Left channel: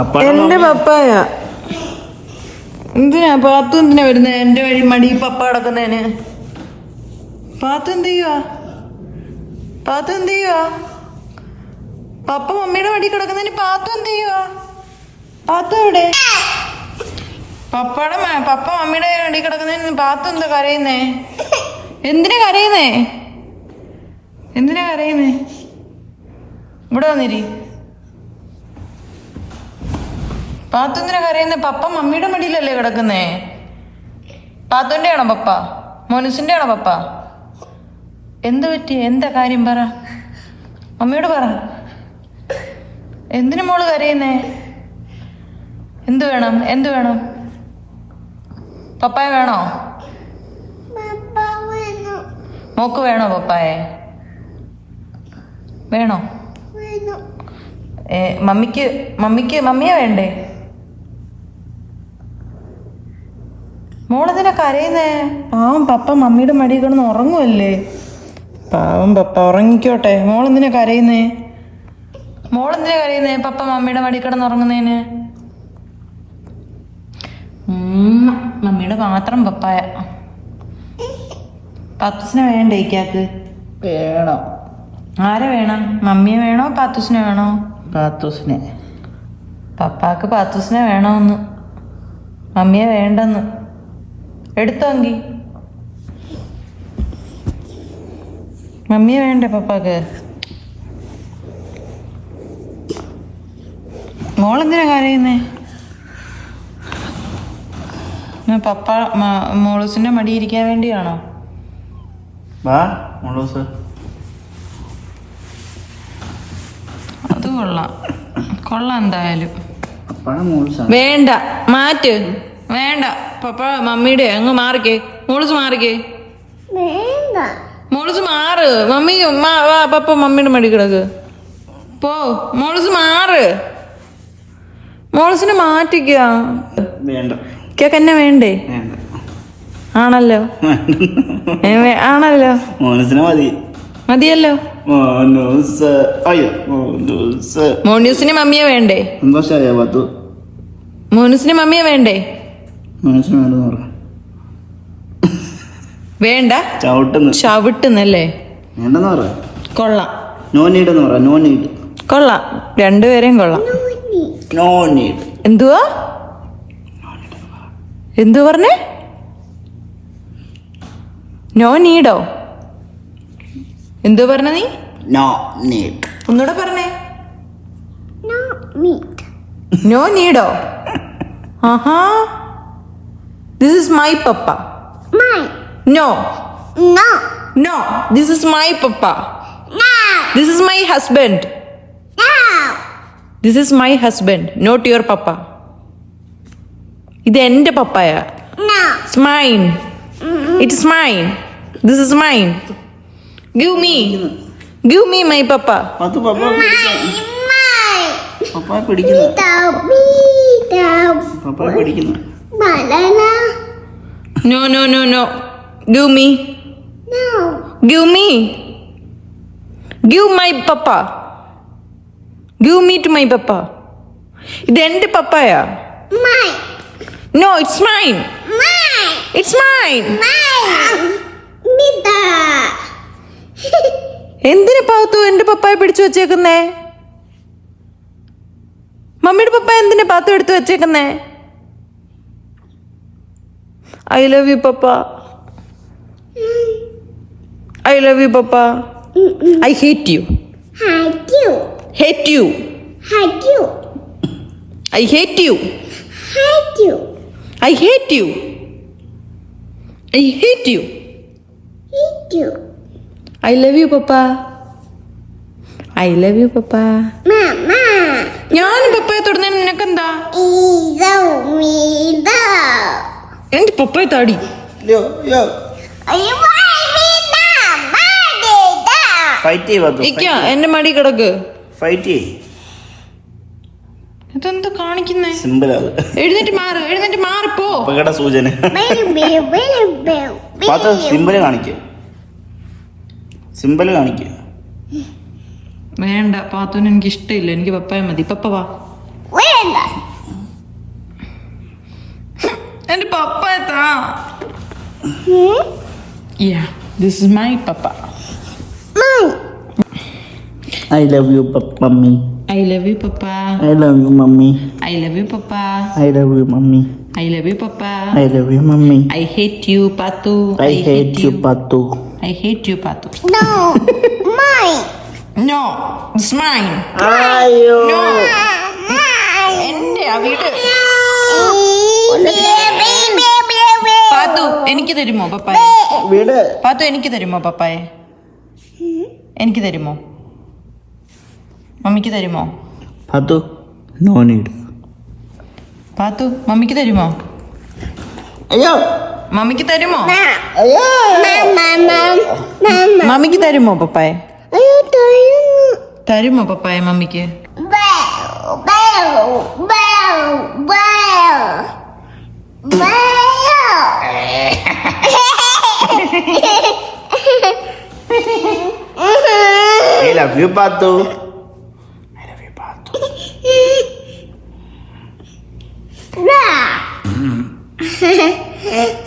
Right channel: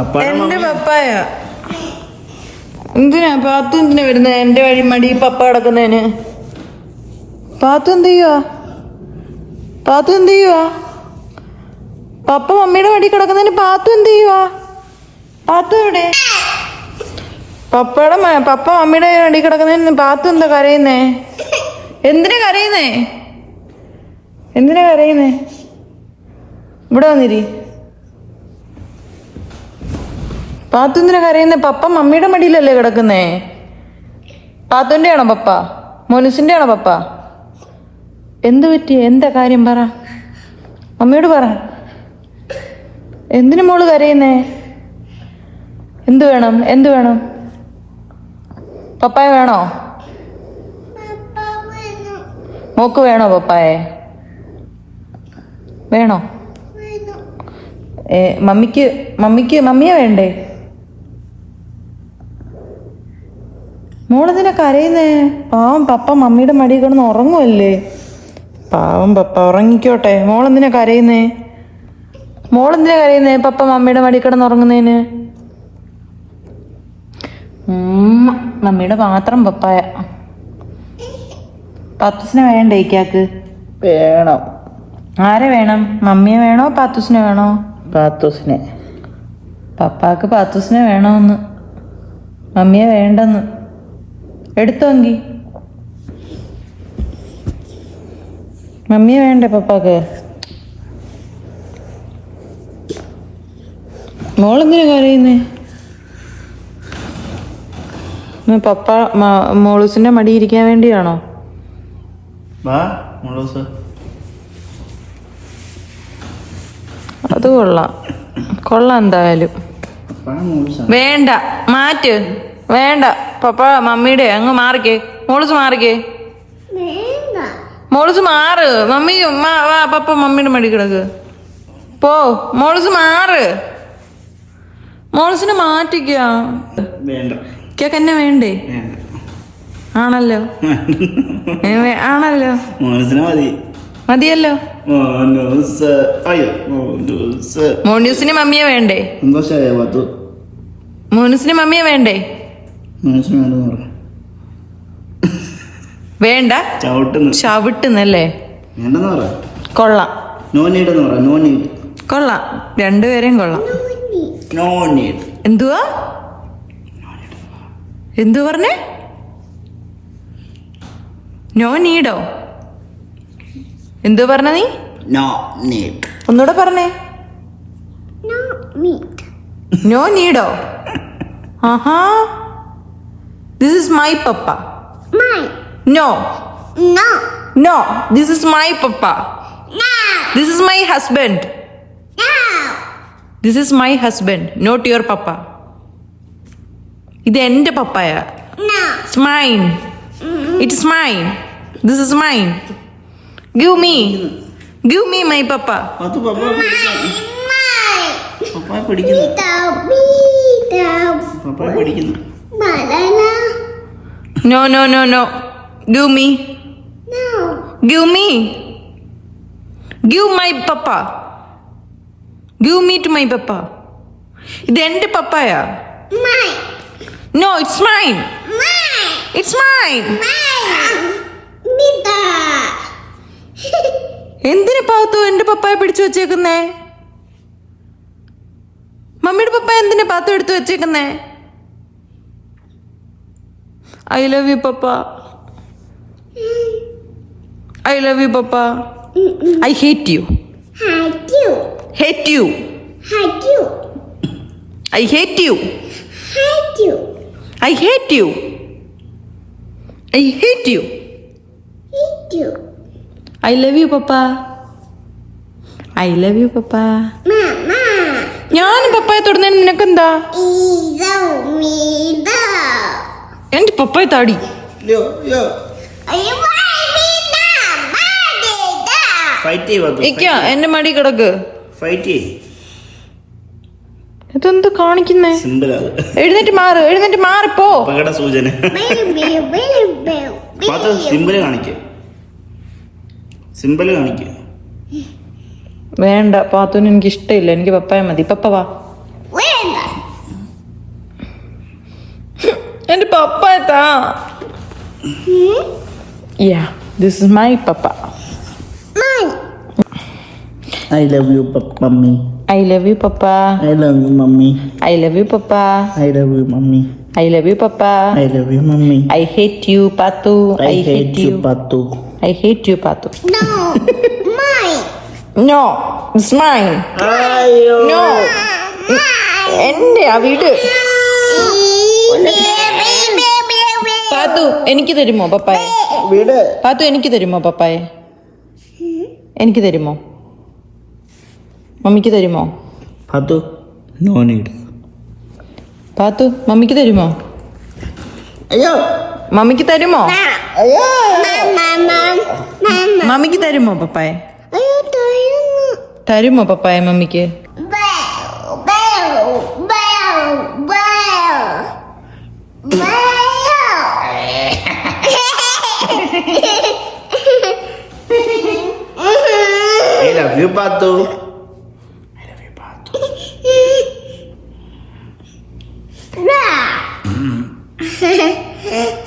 എന്റെ പപ്പായ. എന്തിനാ? പാത്തു എന്തിനാ വരുന്നത് എന്റെ വഴി മടി പപ്പ കിടക്കുന്നതിന് പാത്തു എന്ത് ചെയ്യുവാ? പാത്തു എന്ത് ചെയ്യുവാ? പപ്പ മമ്മിയുടെ വഴി കിടക്കുന്നതിന് പാത്തു എന്ത് ചെയ്യുവാ? പാത്തു എവിടെ? പപ്പയുടെ പപ്പ മമ്മിയുടെ വഴി കിടക്കുന്നതിന് പാത്തു എന്താ കരയുന്നേ? എന്തിനാ കരയുന്നേ? എന്തിനാ കരയുന്നേ? ഇവിടെ വന്നിരി. പാത്തുന്തിനാ കരയുന്നേ പപ്പ മമ്മിയുടെ മടിയിലല്ലേ കിടക്കുന്നേ? പാത്തുന്റെ ആണോ പപ്പ? മോനുസിന്റെ ആണോ പപ്പ? എന്ത് പറ്റി? എന്താ കാര്യം പറ. മമ്മിയോട് പറ. എന്തിനു മോൾ കരയുന്നേ? എന്ത് വേണം? എന്ത് വേണം? പപ്പായ വേണോ? മോക്ക് വേണോ പപ്പായ? വേണോ. ഏ, മമ്മിക്ക് മമ്മിക്ക് മമ്മിയെ വേണ്ടേ? മോളെന്തിനാ കരയുന്നേ? പാവം പപ്പ മമ്മിയുടെ മടി കിടന്ന് ഉറങ്ങുമല്ലേ പാവം പപ്പ ഉറങ്ങിക്കോട്ടെ. മോളെന്തിനാ കരയുന്നേ? മോളെന്തിനാ കരയുന്നേ പപ്പ മമ്മിയുടെ മടി കിടന്ന് ഉറങ്ങുന്നതിന് മമ്മിയുടെ മാത്രം പപ്പായ. പത്തുസിനെ വേണ്ടേ ഇക്കാക്ക് വേണം. ആരെ വേണം? മമ്മിയെ വേണോ? പാത്തുസിനെ വേണോ? പാത്തുസിനെ. പപ്പാക്ക് പാത്തുസിനെ വേണമെന്ന് മമ്മിയെ വേണ്ടെന്ന്. എടുത്തോങ്കി. മമ്മിയെ വേണ്ട പപ്പാക്ക്. മോളെന്തിനാ കരയുന്നേ? പപ്പ മോളൂസിന്റെ മടി ഇരിക്കാൻ വേണ്ടിയാണോ? അത് കൊള്ളാം. കൊള്ളാം എന്തായാലും. വേണ്ട മാറ്റ്. വേണ്ട. പപ്പ മമ്മിയുടെ അങ്ങ് മാറിക്കേ. മോളിസ് മാറിക്കേ. മോളിസ് മാറ്. മമ്മി വാ പപ്പ മമ്മിയുടെ മടി കിടക്ക്. പോ മോളിസ് മാറ്. മോളിസിനെ മാറ്റിക്ക. വേണ്ട. കേക്ക് എന്നെ വേണ്ടേ? ആണല്ലോ. ആണല്ലോ. മതി. മതിയല്ലോ. മോനൂസിന് മമ്മിയെ വേണ്ടേ? മോനൂസിന് മമ്മിയെ വേണ്ടേ? മോനസിന് വേണ്ടെന്ന് പറഞ്ഞു വേണ്ട. ചവിട്ടുന്നു. ചവിട്ടുന്നല്ലേ? വേണ്ടെന്ന് പറ. കൊള്ളാം. നോ നീഡ് എന്ന് പറ. നോ നീഡ് കൊള്ളാം. രണ്ടുപേരെയും കൊള്ളാം. നോ നീഡ് എന്തുവാ? എന്തു പറഞ്ഞേ? നോ നീഡോ എന്തു പറഞ്ഞ നീ? നോ നീഡ് ഒന്നുകൂടെ പറഞ്ഞേ. നോ നീഡോ ആഹാ. This is my papa no no this is my papa this is my husband this is my husband not your papa ഇത് എന്റെ പപ്പായ. It's mine it's mine this is mine give me give me my papa Pathu papa papa പിടിക്കുന്നു. Papa പിടിക്കുന്നു. No no no no give No. Me give my papa give me to my papa ഇത് എന്റെ പപ്പായ? No it's mine it's mine എന്തിനു പാത്തു എന്റെ പപ്പായ പിടിച്ചു വെച്ചേക്കുന്നേ? മമ്മിയുടെ പപ്പ എന്തിനു പാത്തു എടുത്തു വെച്ചേക്കുന്നേ? I love you papa I love you papa I hate you hate you I hate you I hate you I hate you I love you papa I love you papa ഞാൻ പപ്പായെ തൊടുന്നതിന് നിനക്കെന്താ? എന്റെ പപ്പായ താടി. യോ യോ. ഫൈറ്റ് ചെയ്യ ഇക്ക എന്റെ മടി കിടക്ക്. ഫൈറ്റ് ചെയ്യ. ഇതെന്ത് കാണിക്കുന്നേ? സിമ്പിൾ അത്. എഴുന്നേറ്റ് മാറ് എഴുന്നേറ്റ് മാറിപ്പോ അപകട സൂചന. പത്ത് സിമ്പിൾ കാണിക്ക. സിമ്പിൾ കാണിക്ക. വേണ്ട പാത്തുവിന് എനിക്ക് ഇഷ്ടമില്ല എനിക്ക് പപ്പായ മതി. പപ്പ വാ. പപ്പ താ യാ this is my papa I love you mummy I love you papa I love you mummy I love you papa I love you mummy I love you papa I love you mummy I hate you Pathu I hate you Pathu I hate you Pathu No, mine. No it's mine അയ്യോ no എന്റെ വീട് പാത്തു എനിക്ക് തരുമോ പപ്പായ വീട്? പാത്തു എനിക്ക് തരുമോ പപ്പായ എനിക്ക് തരുമോ മമ്മിക്ക് തരുമോ പാത്തു നോ നീഡ് പാത്തു മമ്മിക്ക് തരുമോ അയ്യോ മമ്മിക്ക് തരുമോ അയ്യോ മമ്മിക്ക് തരുമോ പപ്പായ? തരുമോ? പപ്പായ മമ്മിക്ക്? love you, Pato. I love you, Pato. nah. Mm-hmm.